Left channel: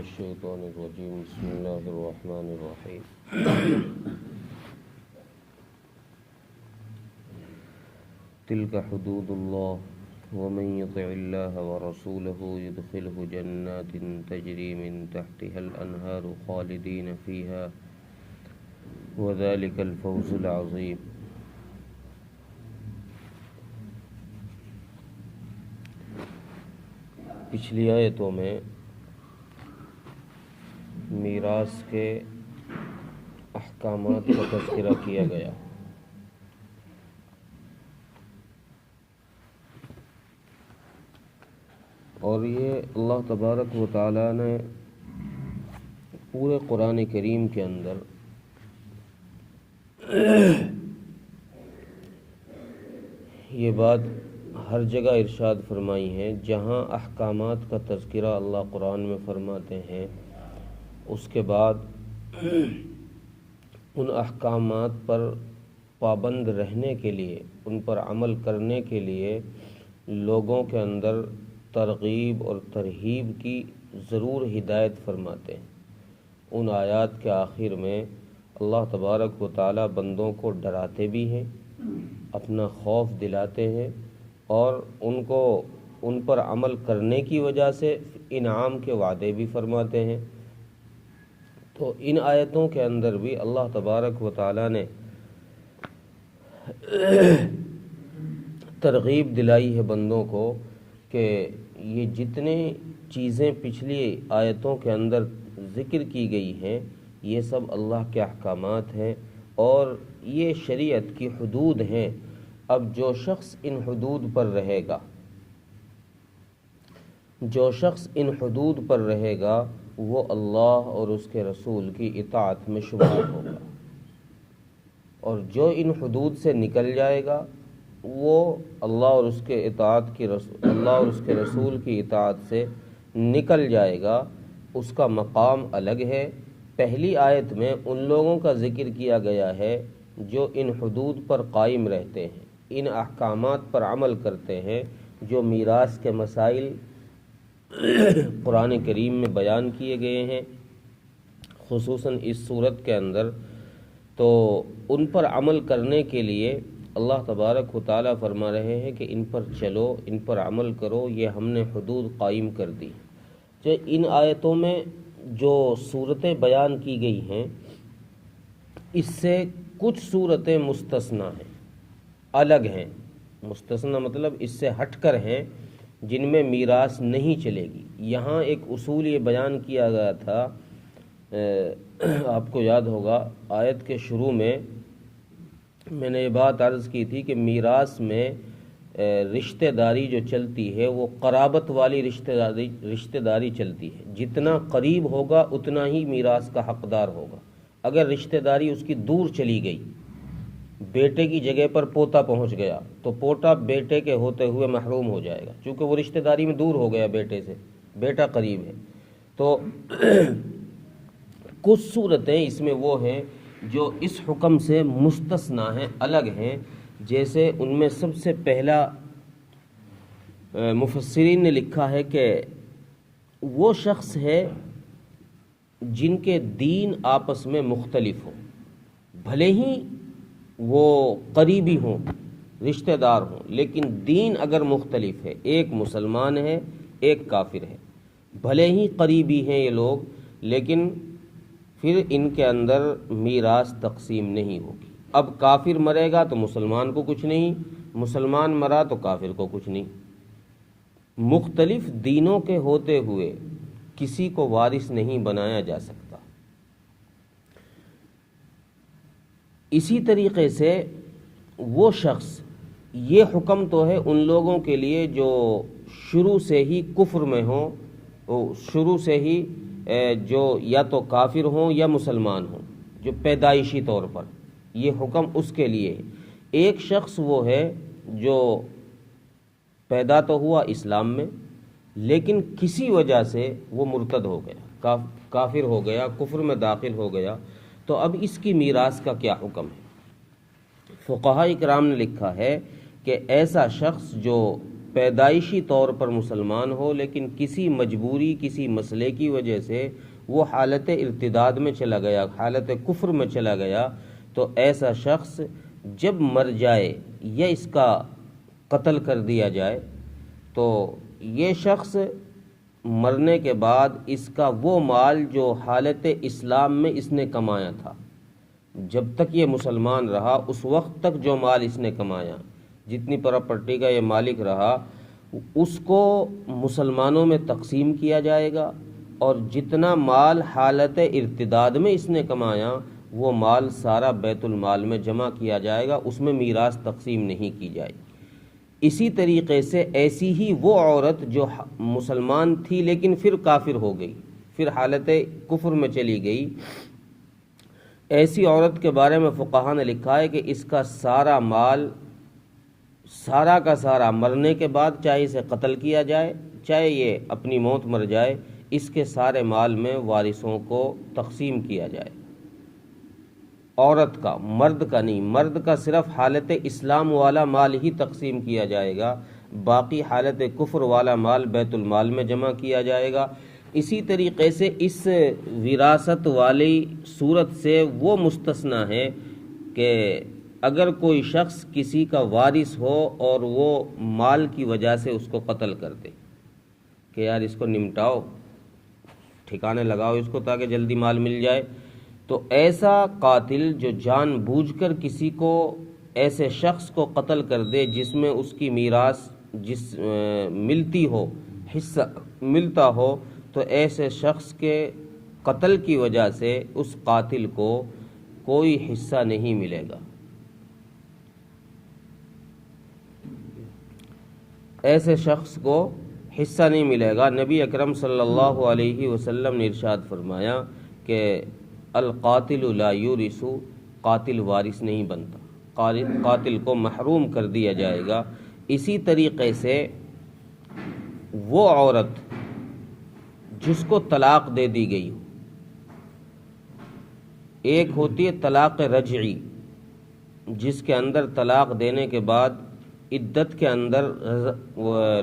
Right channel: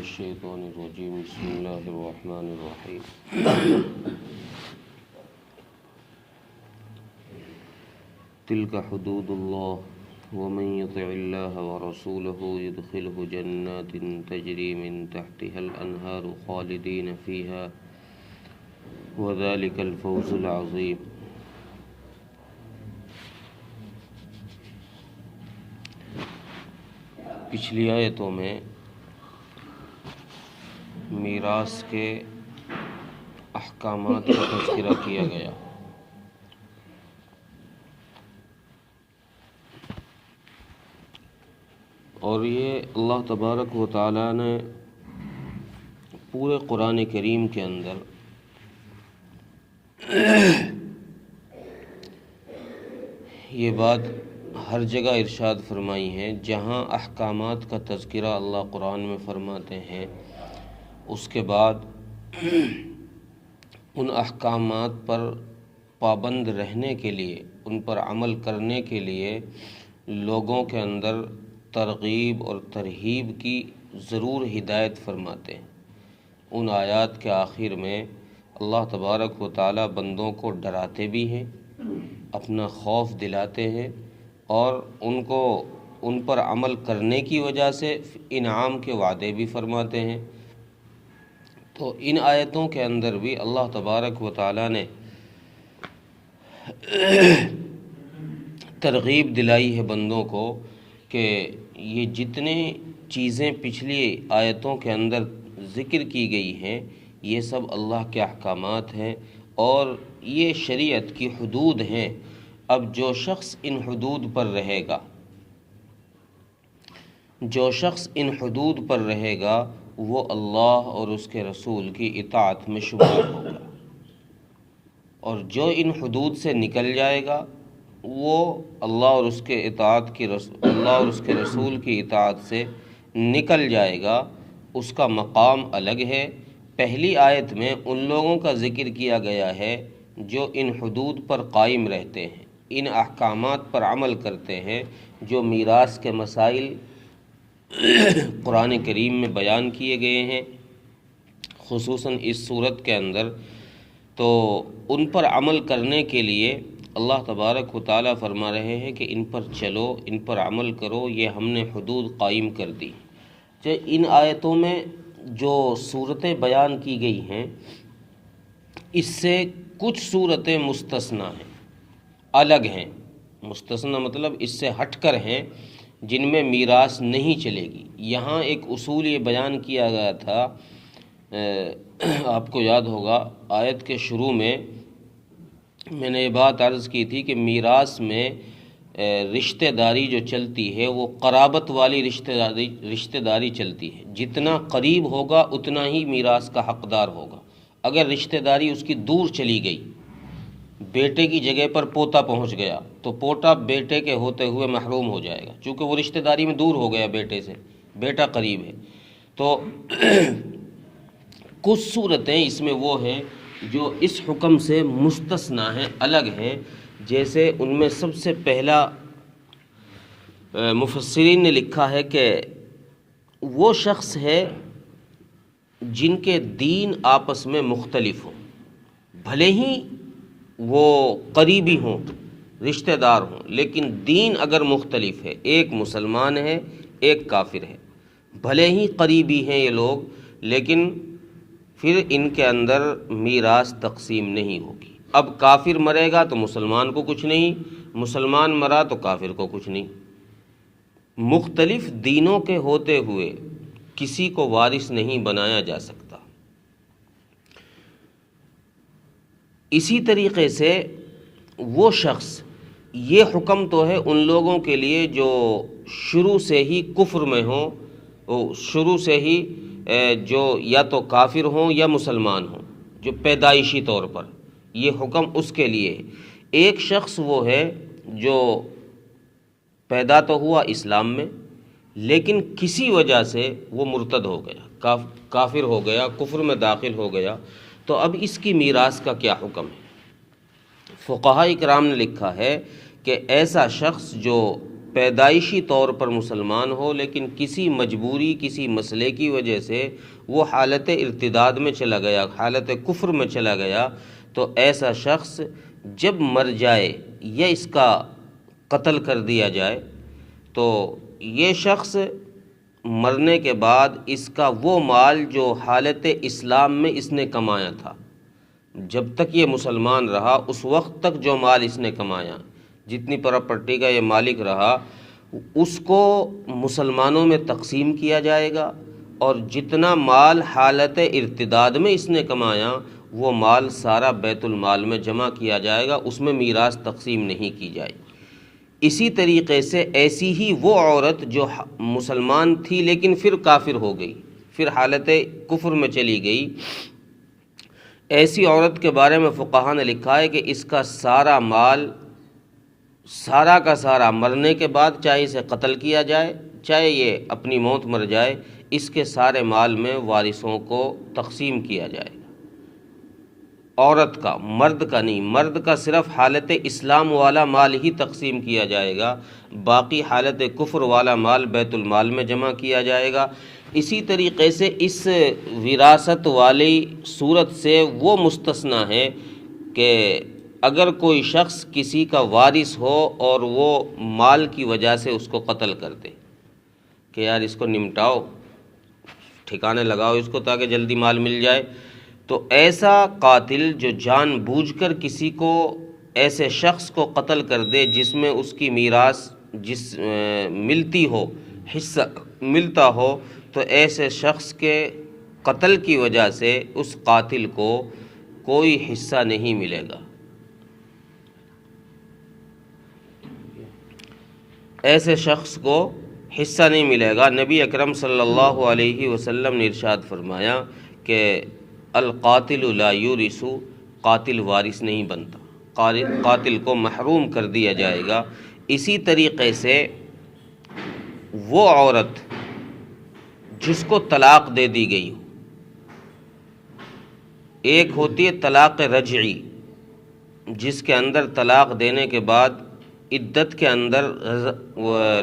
الشيطان الرجيم بسم الله الرحمن الرحيم تلك حدود الله ومن يطع الله ورسوله يدخله جنات تجري من تحتها الأنهار خالدين فيها وذلك الفوز العظيم. پچھلی آیتوں میں میراث کے احکامات کا تذکرہ کیا گیا. اور یہ اللہ تبارک و تعالیٰ نے پورے قرآن کریم کے اندر یہ بات ہر جگہ ارشاد فرمائی ہے. جہاں احکامات کا تذکرہ اللہ قرآن میں فرماتے ہیں اس کے بعد ان احکامات پر پابند رہنے کے لیے، ان پر عمل کرنے کے لیے لوگوں کے اندر ترغیب اور ترہیب کی ضرور ہدایت فرماتے ہیں. ان آیات کے آخر میں اللہ تبارک و تعالیٰ بندوں کو ڈراتے بھی ہیں، اپنا خوف دلاتے ہیں اور ان پر عمل کرنے کی وجہ سے انعام کے وعدے بھی فرماتے ہیں. تو ان آیتوں کے اندر بھی اللہ تبارک و تعالیٰ نے ترغیب دلائی ہے بندوں کو کہ یہ جتنے چیزیں پچھلی آیتوں کے اندر ذکر کی گئی ہیں یہ سب اللہ کے احکامات ہیں اور یہ شریعت کی حدود ہیں. اب جو شخص ان حدود پر رہے گا وہ اللہ اور اس کے رسول کی اطاعت میں شمار ہوگا، اور جو ان حدود سے نکل جائے گا وہ اللہ اور اس کے رسول کی اطاعت سے نکل جائے گا. اس کا مقام الگ ہے. پہلی آیت میں ان لوگوں کا ذکر کیا گیا ہے جو ان حدود پر قائم رہتے ہیں، ان احکامات پر عمل کرتے ہیں. جو میراث کے مسائل قرآن کریم میں بیان کیے گئے ہیں خصوصاً اس صورت کے اندر، تو ان پر عمل کرنے کے لیے اللہ تبارک و تعالیٰ فرما رہے ہیں کہ ان پر چلو، ان پر عمل کرو. یہ ہم نے حدود قائم کر دی. ان آیتوں میں جو صورتیں بیان کی گئی ہیں اس سے کچھ صورتیں مستثنی ہیں، الگ ہیں. مستثنی مطلب اس سے ہٹ کر ہیں، جن میں میراث نہیں چلے گی. یہاں ایک اصول یہ بیان کیا گیا تھا، آپ کو یاد ہوگا آیت کے شروع میں میں نے یہ بات عرض کی تھی کہ میراث میں رشتہ داری جو چلتی ہے وہ قرابت والی رشتہ داری چلتی ہے. جتنا قریب ہوگا اتنا ہی میراث کا حقدار ہوگا. اگر رشتہ داری اس کی دور چلی گئی، بیٹے کی جگہ پر پوتا پہنچ گیا تو پوتا بیٹے کے ہوتے ہوئے محروم ہو جائے گا، چونکہ وہ رشتہ داری میں دور ہو گیا بیٹے سے، بیٹا قریب ہے. تو کچھ صورتیں اس میں وہ ہیں جو اس حکم سے مستثنی ہیں، الگ ہیں. جیسے ان میں سب سے پہلا مفسرین نے لکھا ہے کہ وہ شخص ہے جن کے دین آپس میں مختلف ہوں، بھلے ہی وہ قریبی ہوں، رشتہ دار ہوں، لیکن دین اگر مختلف ہے، ایک مسلمان ہے ایک کافر ہے، بھلے ہی قریبی ہیں یہ لوگ، لیکن پھر ان کے اندر میراث تقسیم نہیں ہوگی. اب کافر مرے گا تو مسلمان کو کچھ نہیں، مسلمان مرا تو کافر کو کچھ نہیں. مختلف دینوں کے ہوتے ہوئے کسی کو وارث نہیں بنایا جا سکتا. اسی طریقے سے وہ شخص، یہ حکم تو ہے ان لوگوں کے لیے جو شروع سے ہی کفر میں ہوں، شروع سے ہی جو یا تو کافر ہوں یا مسلمان ہوں، جو پیدائشی طور پر، یہ حکم اس کے لیے. ایک شخص وہ ہے جو پیدا تو ہوا اسلام میں لیکن کسی وجہ سے وہ مرتد ہو گیا، کافر ہو گیا، کفر میں داخل ہو گیا. تو اب اس کی میراث کا کیا حکم ہے؟ فقہاء کرام نے لکھا ہے کہ ایسا شخص جو پیدائشی طور پر مسلمان ہو لیکن کسی مجبوری کسی مسئلے کی وجہ سے وہ حالت ارتداد میں چلا گیا، حالت کفر میں چلا گیا، تو ایسا شخص جب مر جائے یا اس کا قتل کر دیا جائے تو یہ شخص مرنے کے بعد اس کا وہ مال جو حالت اسلام میں اس نے کمایا تھا، جب تک یہ مسلمان رہا اس وقت تک جو مال اس نے کمایا، جتنی پراپرٹی کا یہ مالک رہا، اس کو مسلمانوں میں تقسیم کیا جائے گا، اور جتنا مال حالت ارتداد میں اس نے کمایا وہ مال سارا بیت المال میں جمع کیا جائے گا، اس میں میراث تقسیم نہیں کی جائے گی۔ اسی طریقے سے ایسی ہی وہ عورت جو مسلمان تھی لیکن پھر کافر ہو گئی، پھر حالت کفر میں چلی گئی، ایسی عورت کے بارے میں فقہا نے لکھا ہے کہ اس کا سارا مال سارا کا سارا مرنے کے بعد چاہے اسے قتل کیا جائے چاہے یہ اپنی موت مر جائے، اس کے سارے مال میں وارثوں کو تقسیم کیا جائے، عورت کا، مرد کا نہیں، مرد کا صرف حالت اسلام والا مال ہی تقسیم کیا جائے گا، باقی حالت کفر والا مال بیت المال میں جمع کیا جائے گا۔ اسی طریقے سے اس وراثت والی صورت سے وہ مستثنی ہے کہ اگر کوئی شخص کسی کا وارث ہو اور وہ مال کی وجہ سے اس کو قتل کر دے کہ یار اس کو نمٹاؤ، ٹھکانے لگاؤ اس کو تاکہ جلدی مال مل جائے، تو ایسا قاتل جو جان بوجھ کر کسی کو ایسے شخص کو قتل کر دے جس میں اس کی میراث ملتی ہو، حصہ ملتا ہو، تو ایسے شخص کے قتل کی وجہ سے اس قاتل کو کوئی حصہ نہیں ملے گا، ایسے شخص کو حصہ نہیں ملے گا۔ نبی اکرم صلی اللہ علیہ وسلم نے ارشاد فرمایا کہ القاتل لا یورث، قاتل وارث نہیں بنتا، قاتل کو محروم کر دیا جائے گا۔ اسی طریقے سے وہ عورت جس کو طلاق دے دی گئی ہو، ایک ہوتی ہے طلاق رجعی جس کے اندر طلاق دینے کے بعد عدت کے اندر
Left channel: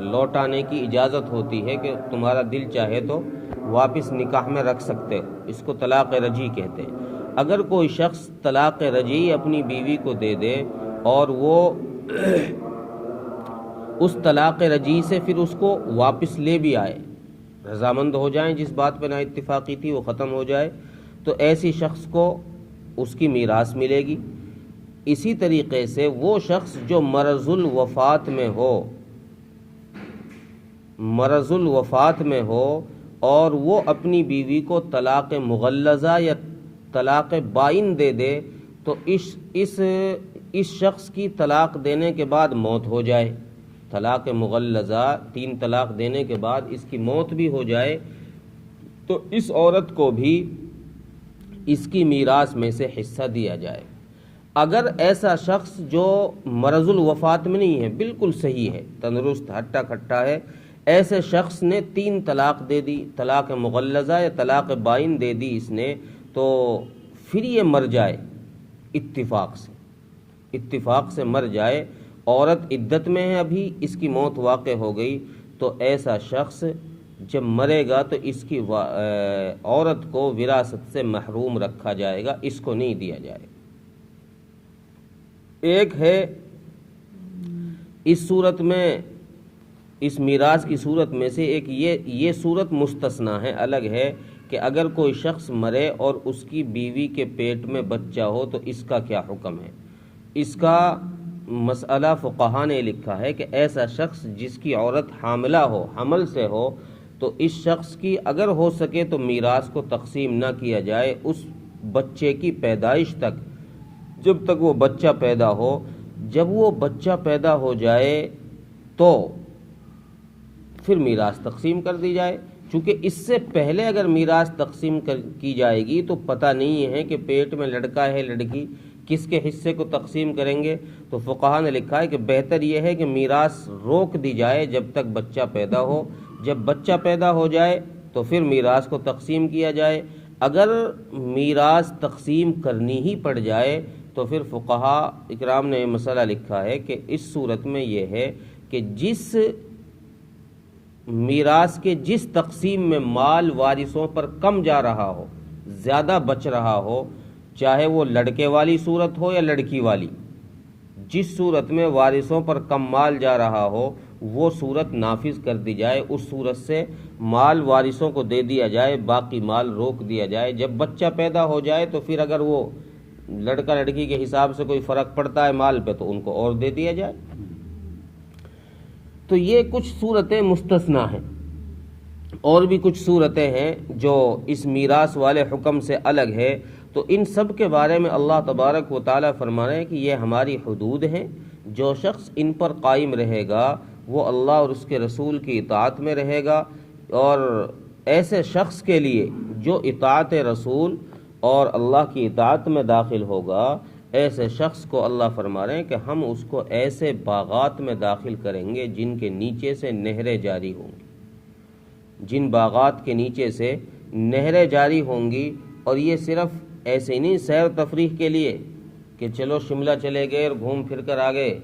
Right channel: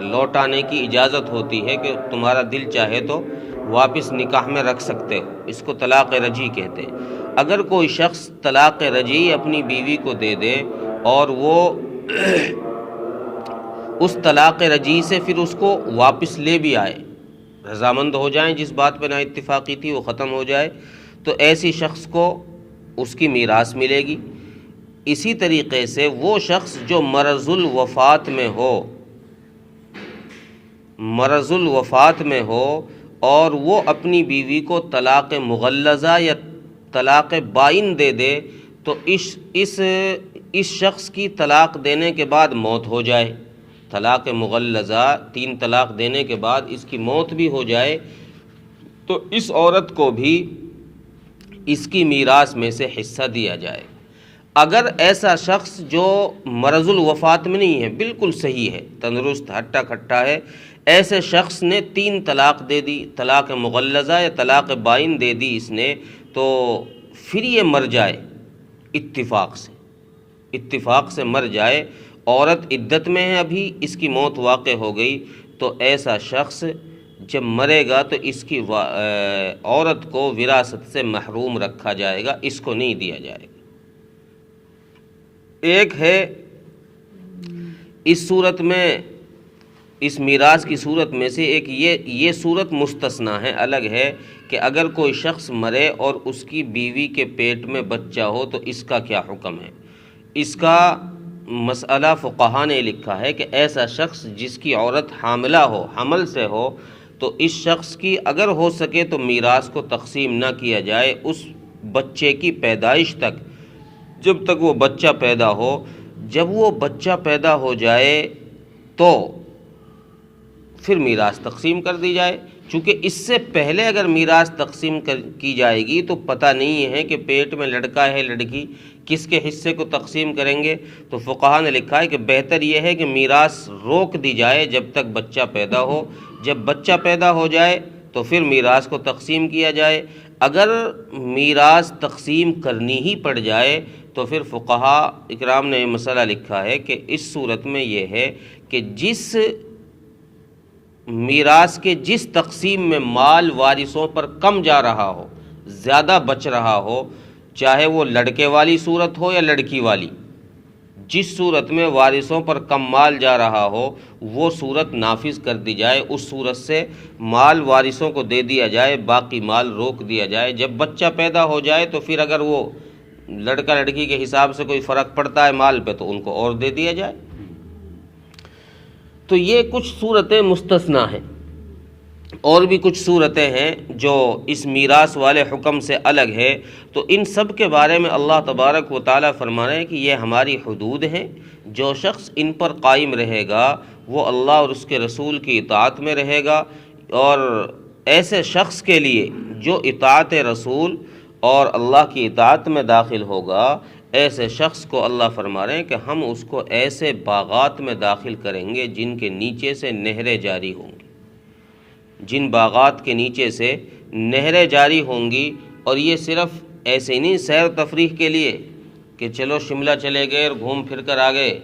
لوٹانے کی اجازت ہوتی ہے کہ تمہارا دل چاہے تو واپس نکاح میں رکھ سکتے ہو، اس کو طلاق رجعی کہتے ہیں۔ اگر کوئی شخص طلاق رجعی اپنی بیوی کو دے دے اور وہ اس طلاق رجعی سے پھر اس کو واپس لے بھی آئے، رضامند ہو جائیں، جس بات پہ نا اتفاقی تھی وہ ختم ہو جائے، تو ایسی شخص کو اس کی میراث ملے گی۔ اسی طریقے سے وہ شخص جو مرض الوفات میں ہو، مرض الوفات میں ہو اور وہ اپنی بیوی کو طلاق مغلظہ یا طلاق بائن دے دے، تو اس شخص کی طلاق دینے کے بعد موت ہو جائے، طلاق مغلظہ 3 طلاق دینے کے بعد اس کی موت بھی ہو جائے، تو اس عورت کو بھی اس کی میراث میں سے حصہ دیا جائے۔ اگر ایسا شخص جو مرض الوفات میں نہیں ہے، بالکل صحیح ہے، تندرست ہٹا کھٹا ہے، ایسے شخص نے 3 طلاق دے دی، طلاق مغلظہ یا طلاق بائن دے دی اس نے، تو پھر یہ مر جائے اتفاق سے مر جائے، عورت عدت میں ہے ابھی، اس کی موت واقع ہو گئی، تو ایسا شخص جب مرے گا تو اس کی عورت کو وراثت سے محروم رکھا جائے گا، اس کو نہیں دیا جائے گا۔ ایک ہے اس صورت میں، اس میراث کی صورت میں سے ایک یہ صورت مستثنی ہے، الگ ہے کہ اگر کوئی شخص مرے اور اس کی بیوی کے پیٹ میں بچہ ہو تو اس کا کیا حکم ہے۔ اس کا مسئلہ فقہا نے لکھا ہے کہ ایسا شخص جس کی عورت حاملہ ہو، حمل سے ہو، تو اس شخص کی اگر ہو سکے تو میراث کو تقسیم نہ کیا جائے اس بچے کی پیدائش تک، جب تک وہ بچہ پیدا ہو۔ جب وہ بچہ پیدا ہو جائے تو پھر میراث تقسیم کر دی جائے، چونکہ اس سے پہلے اگر میراث تقسیم کی جائے گی تو پتہ نہیں ہے کہ پیٹ میں لڑکا ہے لڑکی، کس کے حصے کو تقسیم کریں گے، تو فقہا نے لکھا ہے کہ بہتر یہ ہے کہ میراث روک دی جائے جب تک بچہ پیدا ہو، جب بچہ پیدا ہو جائے تو پھر میراث کو تقسیم کیا جائے۔ اگر میراث تقسیم کرنی ہی پڑ جائے تو پھر فقہا اکرام نے یہ مسئلہ لکھا ہے کہ اس صورت میں یہ ہے کہ جس میراث کے جس تقسیم میں مال وارثوں پر کم جا رہا ہو، زیادہ بچ رہا ہو، چاہے وہ لڑکے والی صورت ہو یا لڑکی والی، جس صورت میں وارثوں پر کم مال جا رہا ہو وہ صورت نافذ کر دی جائے، اس صورت سے مال وارثوں کو دے دیا جائے، باقی مال روک دیا جائے۔ جب بچہ پیدا ہو جائے تو پھر اگر وہ لڑکا لڑکی کے حساب سے کوئی فرق پڑتا ہے مال پہ تو ان کو اور دے دیا جائے۔ تو یہ کچھ صورتیں مستثنا ہیں، اور بھی کچھ صورتیں ہیں جو اس میراث والے حکم سے الگ ہے۔ تو ان سب کے بارے میں اللہ تبارک و تعالیٰ فرما رہے ہیں کہ یہ ہماری حدود ہیں، جو شخص ان پر قائم رہے گا وہ اللہ اور اس کے رسول کی اطاعت میں رہے گا، اور ایسے شخص کے لیے جو اطاعت رسول اور اللہ کی اطاعت میں داخل ہوگا، ایسے شخص کو اللہ فرما رہے ہیں کہ ہم اس کو ایسے باغات میں داخل کریں گے جن کے نیچے سے نہریں جاری ہوں گی، جن باغات کے نیچے سے نہریں جاری ہوں گی۔ اور یہ صرف ایسے ہی نہیں سیر تفریح کے لیے کہ چلو شملہ چلے گئے اور گھوم پھر کر آ گئے،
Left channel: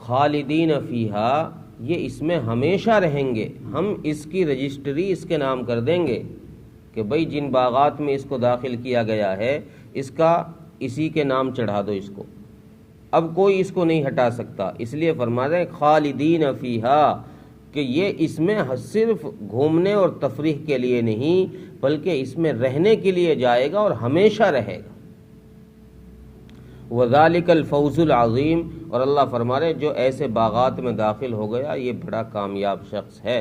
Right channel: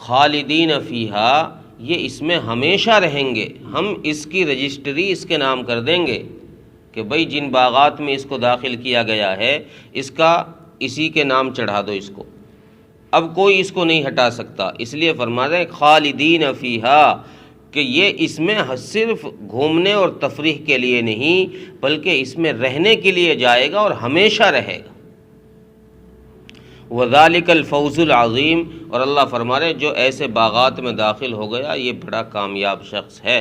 خالدین فیہا، یہ اس میں ہمیشہ رہیں گے، ہم اس کی رجسٹری اس کے نام کر دیں گے کہ بھئی جن باغات میں اس کو داخل کیا گیا ہے اس کا اسی کے نام چڑھا دو اس کو، اب کوئی اس کو نہیں ہٹا سکتا۔ اس لیے فرما رہے ہیں خالدین فیہا، کہ یہ اس میں صرف گھومنے اور تفریح کے لیے نہیں بلکہ اس میں رہنے کے لیے جائے گا اور ہمیشہ رہے گا۔ وَذَلِكَ الْفَوْزُ الْعَظِيمُ، اور اللہ فرما رہے ہیں جو ایسے باغات میں داخل ہو گیا یہ بڑا کامیاب شخص ہے،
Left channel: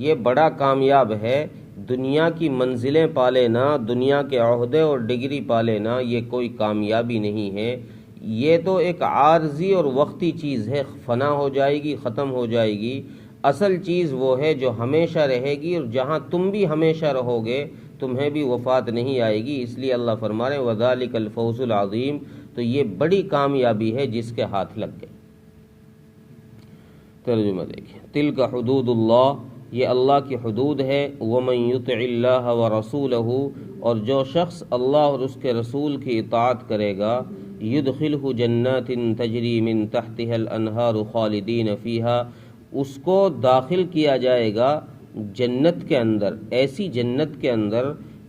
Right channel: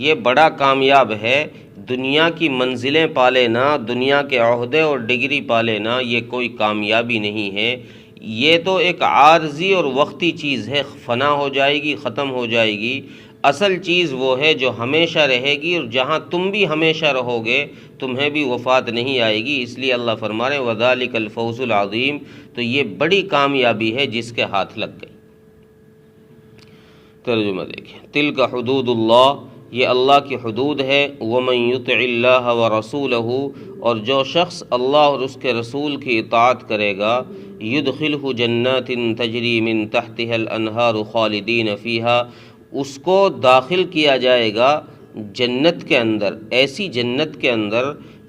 یہ بڑا کامیاب ہے۔ دنیا کی منزلیں پا لینا، دنیا کے عہدے اور ڈگری پا لینا یہ کوئی کامیابی نہیں ہے، یہ تو ایک عارضی اور وقتی چیز ہے، فنا ہو جائے گی، ختم ہو جائے گی۔ اصل چیز وہ ہے جو ہمیشہ رہے گی، اور جہاں تم بھی ہمیشہ رہو گے تمہیں بھی وفات نہیں آئے گی۔ اس لیے اللہ فرما رہے ہیں وَذَلِكَ الْفَوْزُ الْعَظِيمُ، تو یہ بڑی کامیابی ہے جس کے ہاتھ لگ گئی۔ ترجمہ دیکھیں، تِلْكَ حدود اللہ، یہ اللہ کی حدود ہے۔ وَمَن يُطِعِ اللَّهَ وَرَسُولَهُ، اور جو شخص اللہ اور اس کے رسول کی اطاعت کرے گا، يُدْخِلْهُ جَنَّاتٍ تَجْرِي مِن تَحْتِهَا الْأَنْهَارُ خَالِدِينَ فِيهَا، اس کو داخل کیا جائے گا جنت کے اندر، ایسی جنت کے اندر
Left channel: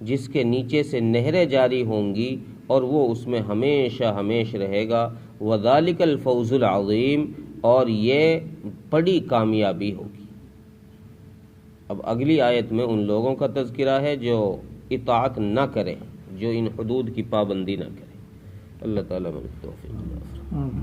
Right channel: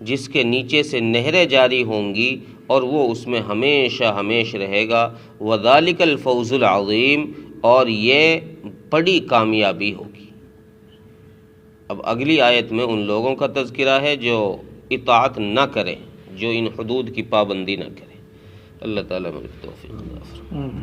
جس کے نیچے سے نہریں جاری ہوں گی اور وہ اس میں ہمیشہ ہمیشہ رہے گا۔ وَذَلِكَ الْفَوْزُ الْعَظِيمُ، اور یہ بڑی کامیابی ہوگی۔ اب اگلی آیت میں ان لوگوں کا تذکرہ ہے جو اطاعت نہ کریں، جو ان حدود کی پابندی نہ کریں۔ اللہ تعالیٰ ہمیں توفیق عطا فرمائے۔